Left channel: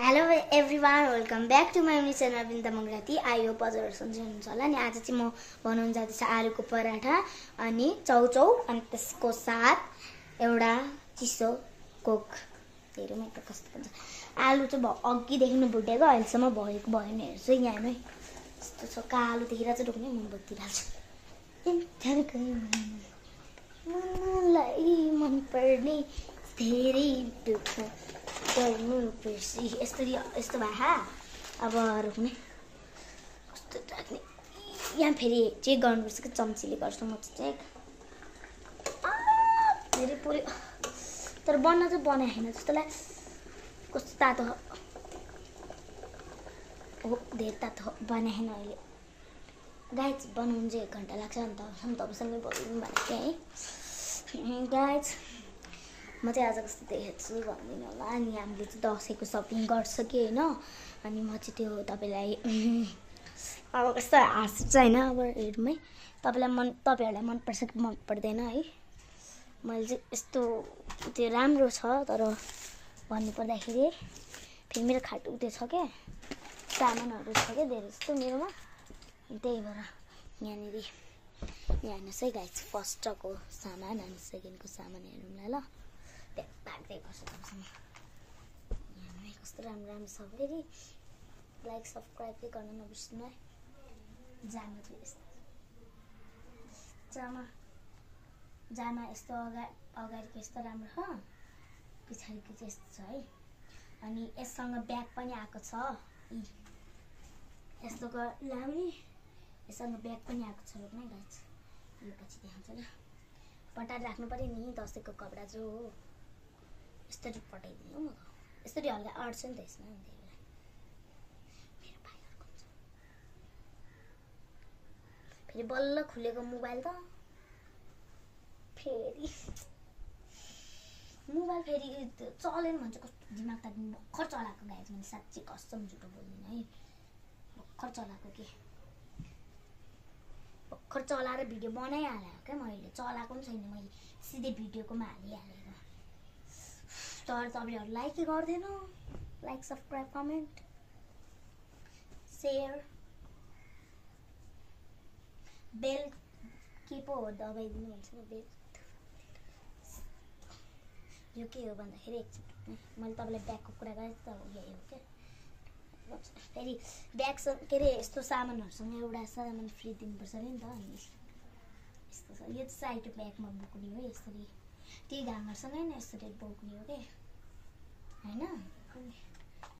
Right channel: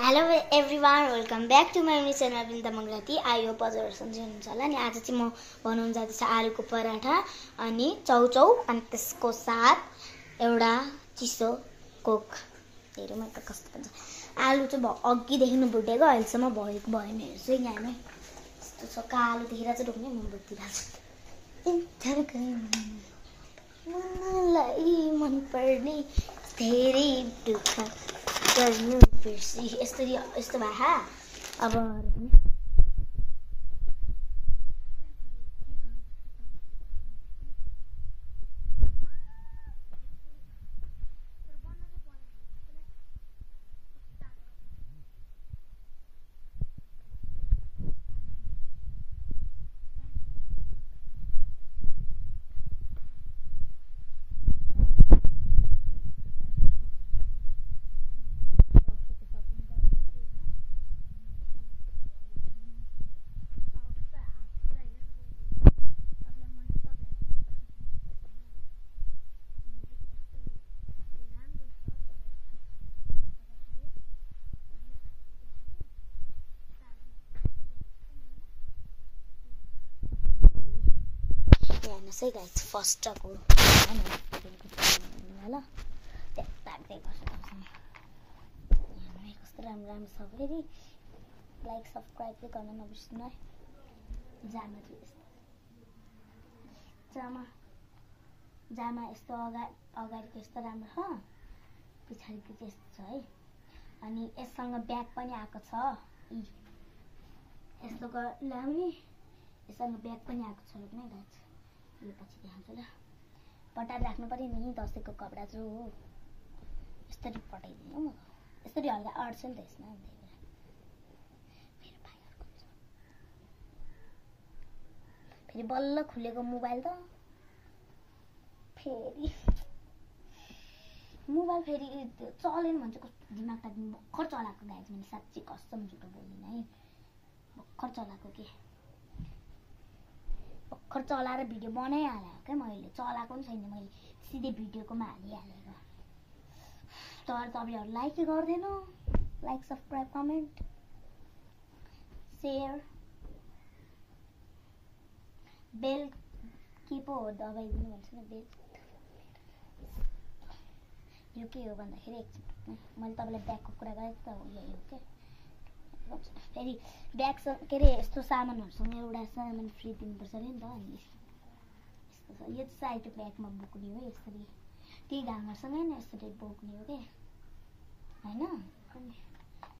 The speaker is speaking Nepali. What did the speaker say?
Hello everyone, welcome back to my channel Binda Mangrati. I hope हजुरहरू सन्चै हुनुहुन्छ होला नि। आज चाहिँ म बनाउन जाँदैछ आलुको पराठा अनि चौचौ अनि त्यसको साथ एउटा चिसो कोक। हेरौँ है त कस्तो हुन्छ। आलु चाहिँ अघिदेखि भुटेको, अहिलेसम्म भएको भएन। हेर्छु यहाँमै यस्तो छ, कालो देखेर चाहिँ ढुक्ने मोमबत्ती हाल्छु। मलाई मनपर्ने धेरै दुःख गर्नु बिर्सी यस्तो भए अब रोक्ने कस्तो राख्ने। यहाँ फेरि चेक गर्नुपर्छ कि चम्चीले गर्छु म चाहिँ धेरै पुरै, तर बन्न चाहिँ बनाएको छैन जस्तो लाग्छ। कस्तो तातो हो, धेरै तातो बनाएको छैन अहिले। गाइज बनाउनु चाहिँ 1 घन्टा लाग्छ नि त। तपाईँसँगै बोल्नु भएको थियो है गाइज। म चाहिँ आज कस्तो देखेको छु भन्दिनँ होला। अनि हामीले चाहिँ दसैँको सपिङ गरिसक्यो होइन। अनि म चाहिँ त्यो तपाईँलाई अब कस्तो हाँस्छ होइन। अब हेर्नु है, तपाईँहरूलाई मनपर्छ कि मन पर्दैन है। मैले चाहिँ यस्तो त्यो राम्रो छ, तर भन्नुपर्दाखेरि फेरि मेरो खाटु त्यो छ क्या, सामानहरू छ क्या धेरै जस्तो मेरोमा। त्यही भएर यहाँनिर यहाँ हेर्नुहोस् है गाइज, फर्स्टको सेकेन्डको सामान ल राख्दै गर्छु तपाईँसँग। कस्तो राम्रो छ फेरि। लाइक सब्सक्राइब चाहिँ गर्न नबिर्सिनु है। जामा चाहिँ यस्तो जामा यस्तो अगाडिको यस्तो राम्रो छ, पछाडिको चाहिँ यस्तो छ है। अनि यससँग ब्याग पनि आएको छ, यस्तो लाउने यससँग ब्याग पनि आएको छ रोक्ने गाइज। यो पछि देखाउँछु ल। पटाएर राख्नु पऱ्यो नि, दसैँको कपडा जो हो। यसरी पठाइदिनु म, यसरी हल्का अड्छ नि त यसमा। फेरि बल्ल खुलेको मोबाइल त फेरि मोबाइल फेरि चलेन भन्छ। कस्तो दिमाग त भर्खर चलाएको गाइज मैले, साँच्ची कसम झुटो बोल्दिनँ है। भर्खर चलाएको कि भर्खर चलाएर भिडियो बनाइहालेको क्या मैले। चलाएको पनि छैन मैले, सिधै भिडियोकोमा हालिहालेको। तर तपाईँहरू लाइकै गर्दैन। लाइक सब्सक्राइब कमेन्ट सेयर बेल के पो हो दबाइदिनु भन्छ नि, बेल। यो के हो भन्दाखेरि एकछिन मैले तपाईँलाई ब्यागको कुरा गरेँ त, यही हो क्या। फेरि ब्याग के अरे यस्तो सामानहरूसँग एउटा सामान फ्री दिनुपर्छ अरे नि त। अनि यस्तो छ, यो चाहिँ साइड ब्यागमा बोक्ने हो यसरी, त्यही घामहरूसँगै नै यसरी बोक्ने हो क्या होइन। अनि